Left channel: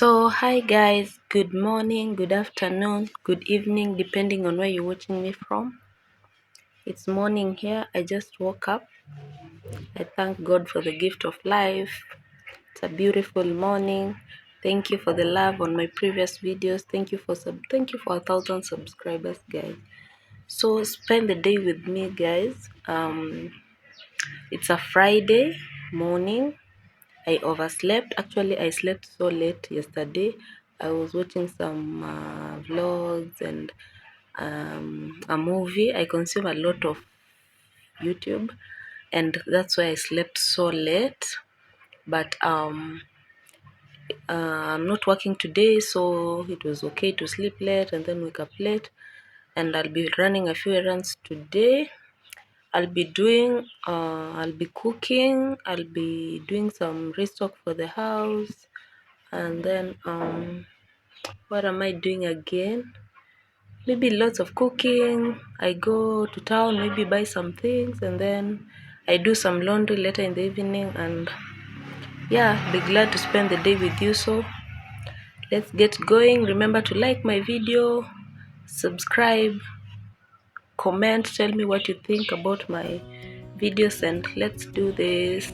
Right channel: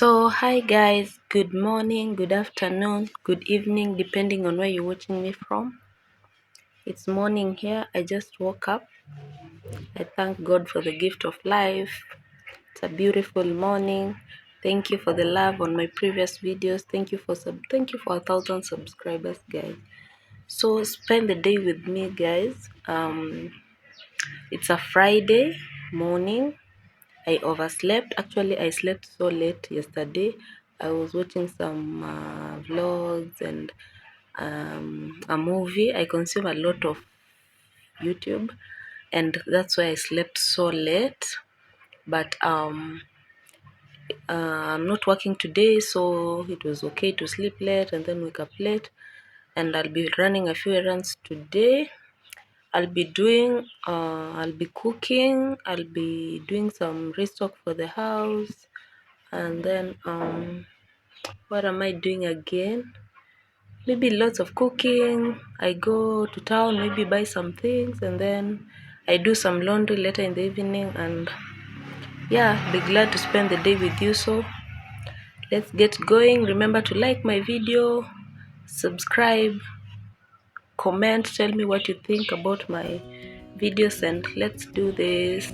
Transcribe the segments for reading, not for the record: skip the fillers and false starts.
Hi guys, good morning, good afternoon, good evening, depending on where you're watching me from. It's morning here. I just woke up. I thank God for the gift of life. It's a beautiful morning. Thank you for the love on my previous videos. Thank you for 1,000 subscribers, guys. So spend the day with me, guys. It's a Friday morning. I overslept. Actually, I slept so late yesterday. I was watching some vlogs and a movie. I consume a lot of YouTube, and that's why I slept so late. But I'm not working today, so it was okay to sleep late and then wake up late. And I'll be running a few errands today. I'll be cooking. I'll be doing some restock for the house, and then what am I doing again? Maybe lots of cooking. I go to town, maybe buy some things, and then I do some laundry later in the evening. And yeah, be glad to spend the day with you. So let's get going. Remember to like my video, subscribe, comment, tell me what you think about my videos, and let's do this.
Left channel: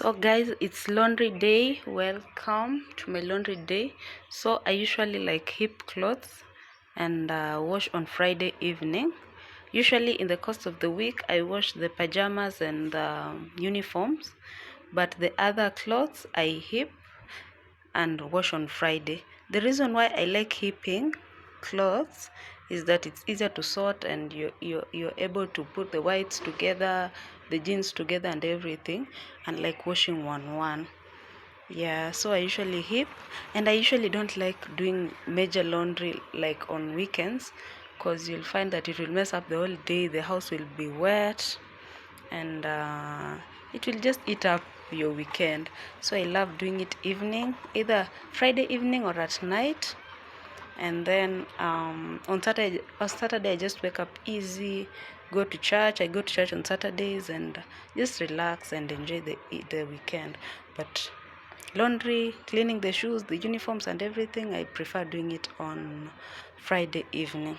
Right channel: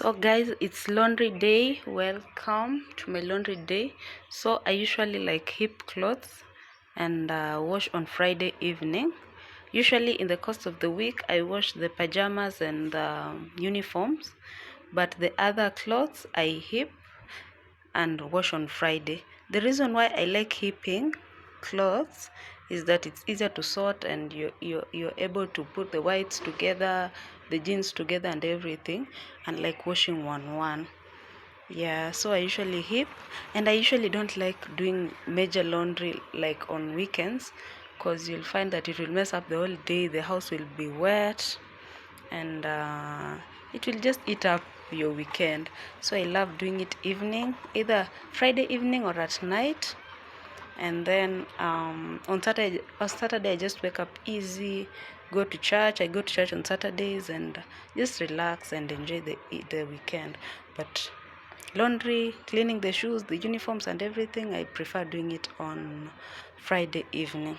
So guys, it's laundry day. Welcome to my laundry day. So I usually like heap clothes and wash on Friday evening. Usually in the course of the week I wash the pajamas and uniforms, but the other clothes I heap and wash on Friday. The reason why I like heaping clothes is that it's easier to sort, and you're able to put the whites together, the jeans together and everything, and like washing one. Yeah, so I usually heap, and I usually don't like doing major laundry like on weekends, because you'll find that it will mess up the whole day. The house will be wet, and it will just eat up your weekend. So I love doing it evening, either Friday evening or at night. And then on Saturday I just wake up easy, go to church. I go to church on Saturdays and just relax and enjoy the weekend. But laundry, cleaning the shoes, the uniforms and everything, I prefer doing it on Friday evening.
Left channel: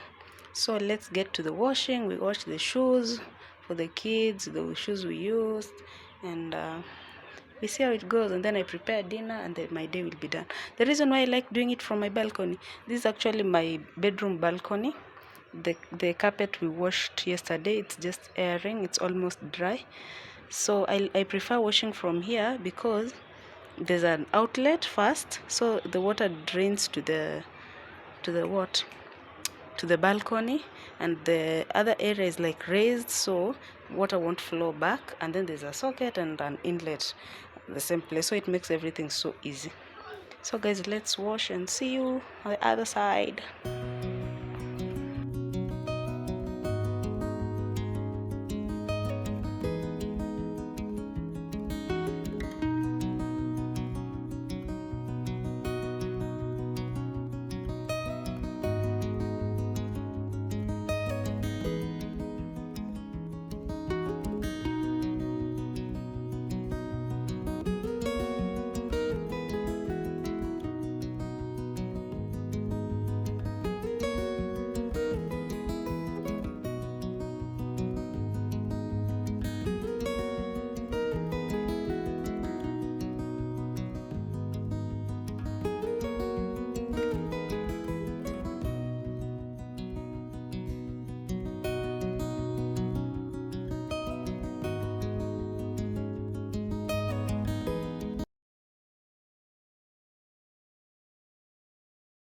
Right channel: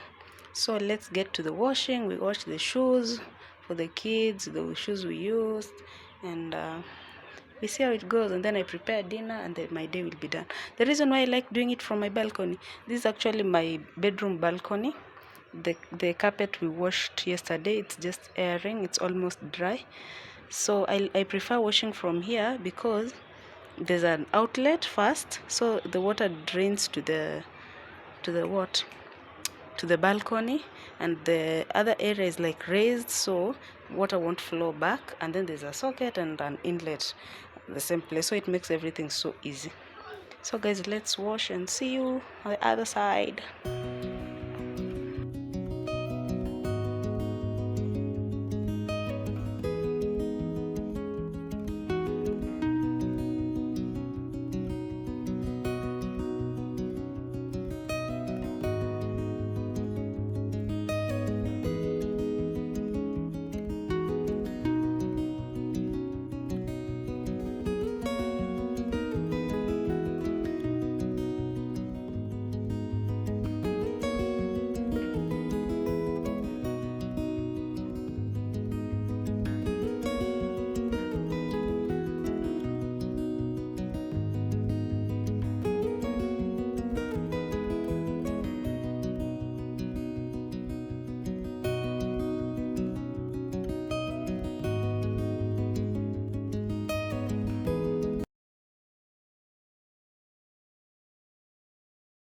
So let's get to the washing. We wash the shoes for the kids, the shoes we used, and we see how it goes. And then I prepare dinner, and then my day will be done. The reason why I like doing it from my balcony, this is actually my bedroom balcony. The carpet we washed yesterday, it's just airing, it's almost dry. So I prefer washing from here because there's an outlet first, so the water drains to the what to the balcony, and the other area is like raised, so water won't flow back. And then there's a socket and an inlet the same place, so it makes everything so easy. So guys, let's wash and see you on the other side.